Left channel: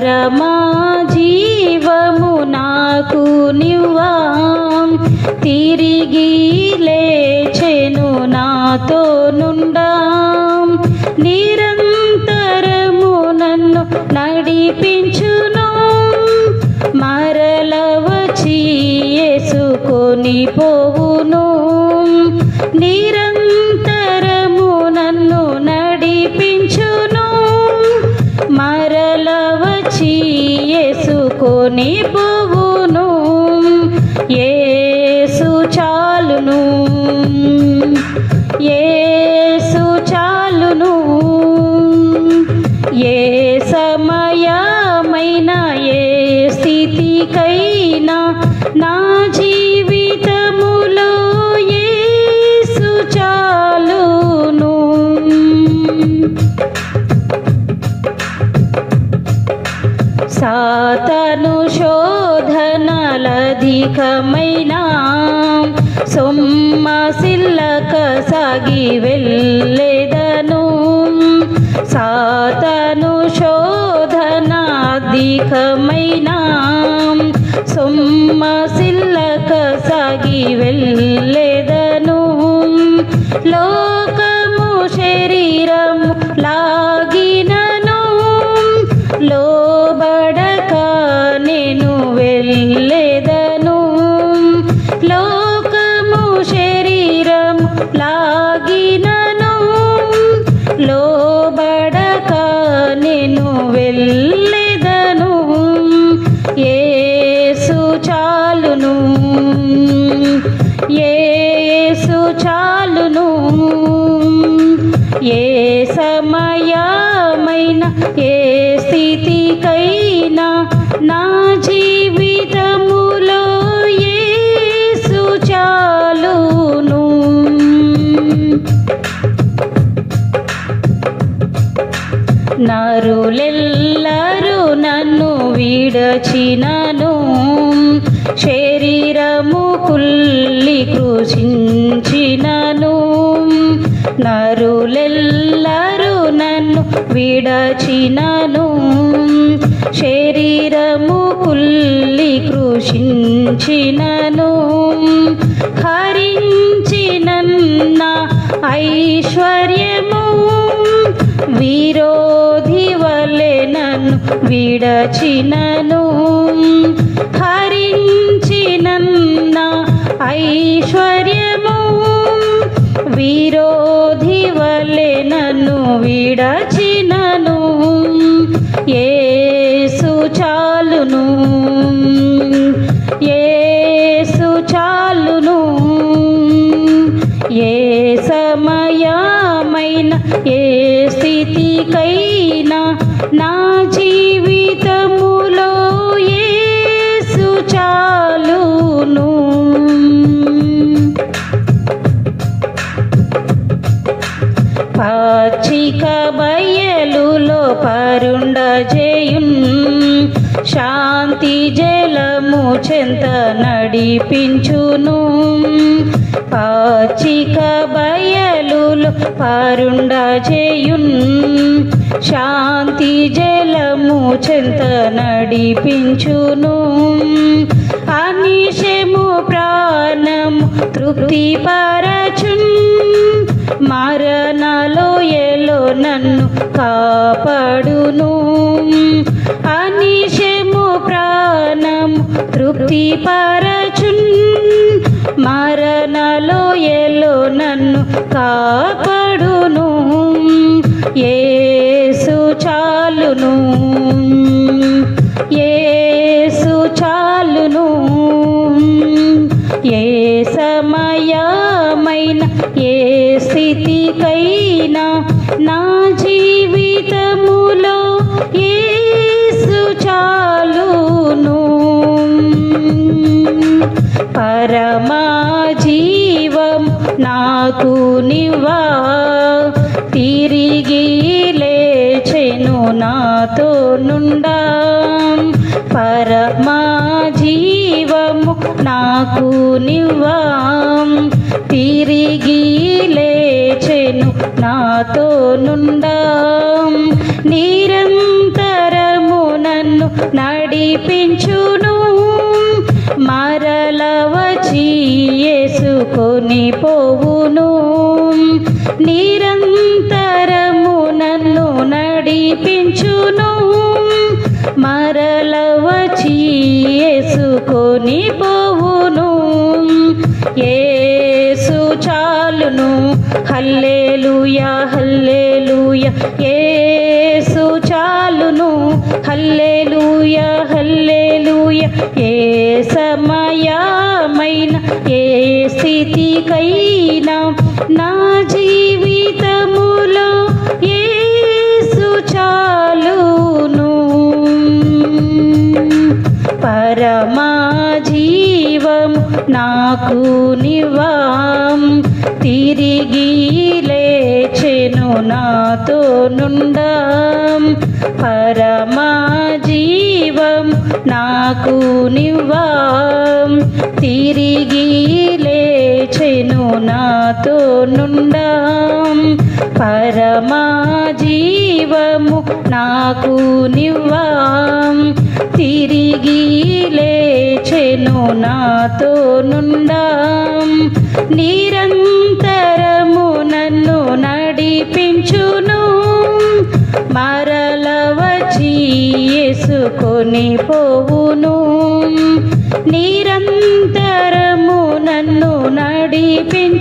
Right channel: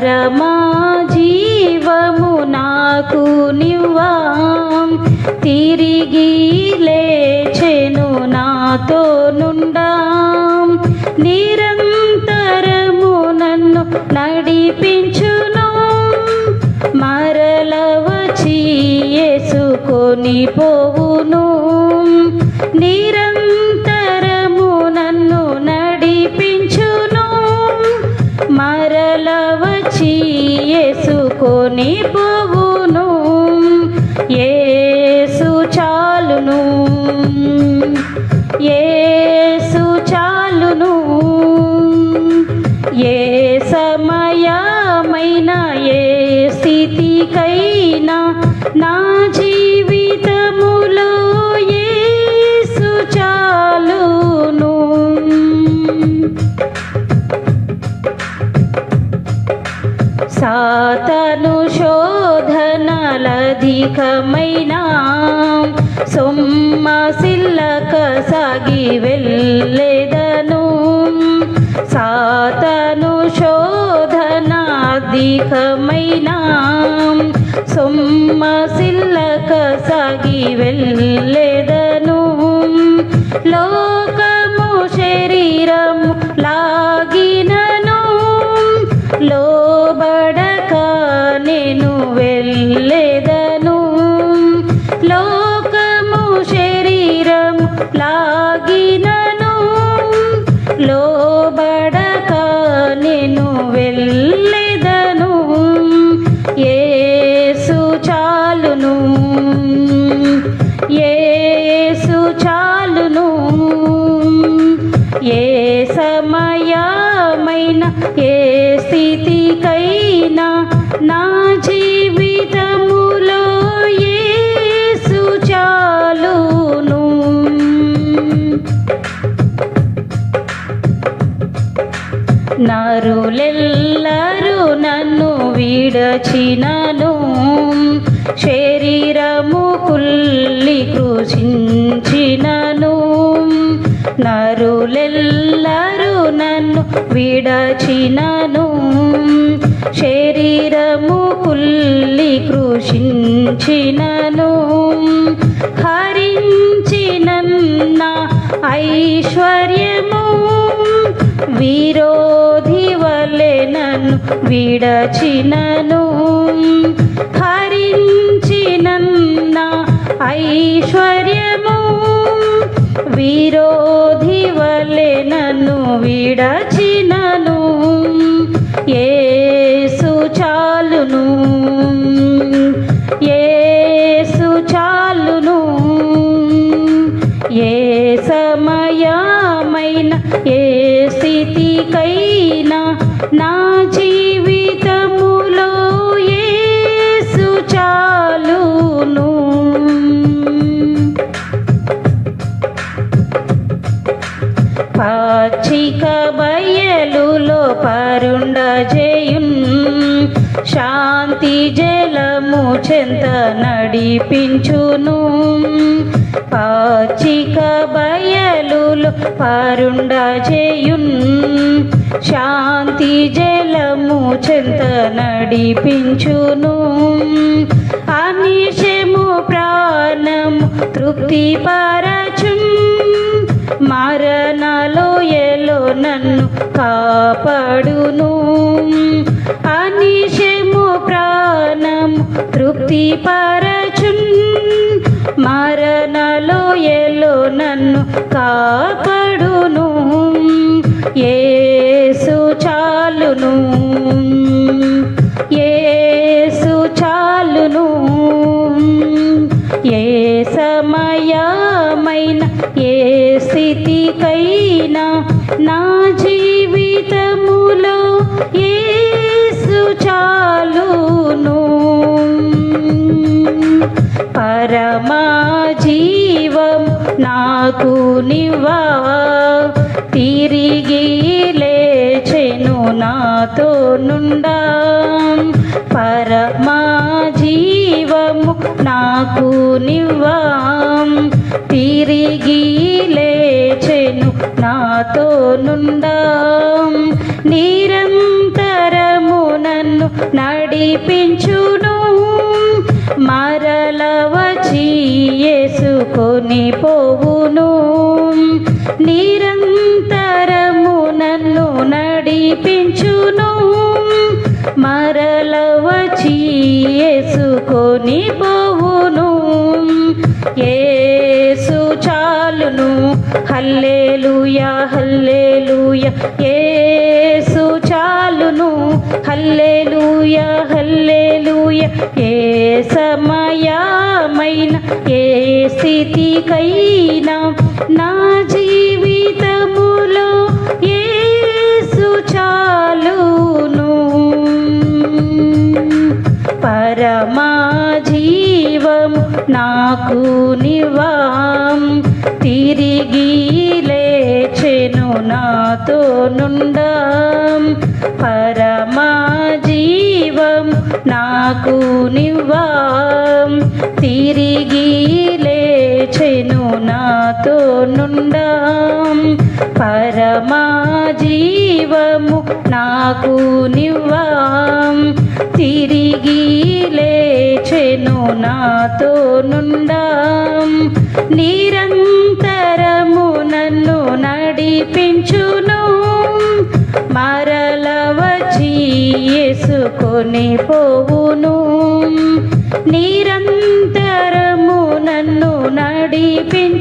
పరమా జీవము నాకు నివ్వా తిరిగి లేచెను నాతో నుండా. నిరంతరము నన్ను నడిపించును. మరల వచ్చి పోవు. శోధనలధికమైన సొమ్మ ఎల్లరూ నన్ను విడచినను. శరీరము కుల్లి కృషించినను. నరులెల్లరూ నన్ను విడచినను. శరీరము కుల్లి కృషించినను. హరించినన్న ఐశ్వర్యము. వీ విడచినను హరించినన్న ఐశ్వర్యము. విరోధి వలె నన్ను విడచినను ఏసు చాలును. ఏసు చాలును. ఏ సమయమైన ఏ స్థితికైనా నా పాచిక బయలులో పరుండ చేయున్ శాంతి జలము చెంత నడిపించును. పాచిక బయలులో పరుండ చేయున్ శాంతి జలము చెంత నడిపించును. అనిశము ప్రాణము తృప్తి పరచున్ మరణలో నన్ను కాపాడును. అనిశము ప్రాణం తృప్తి పరచున్. మరణలో ఎలో నన్ను కాపాడును. ఏసు చాలును. ఏసు చాలును. ఏ సమయమైన ఏ స్థితికైనా నా నాకు నివా తిరిగి లేచెను నాతో నుండా. పరమా జీవము నాకు నివా తిరిగి యేసుకొని పోవును. నిరంతరము నన్ను నడిపించును. మరల వచ్చి వేసుకొని పోవును. ఏసు చాలును. Hallelujah hallelujah. ఏ సమయమైన ఏ స్థితికైనా నా జీవితములో ఏసు చాలును. పరమా జీవం నాకు నివాం. తిరి తిరిగి లేచెను నాతో నుండా. పరమా జీవము నాకు నివ్వాం. తిరిగి లేచెను నాతో నుండా. నిరంతరము నన్ను నడిపించును. మరల వచ్చి పోవును. నిరంతరము నన్ను నడిపించు.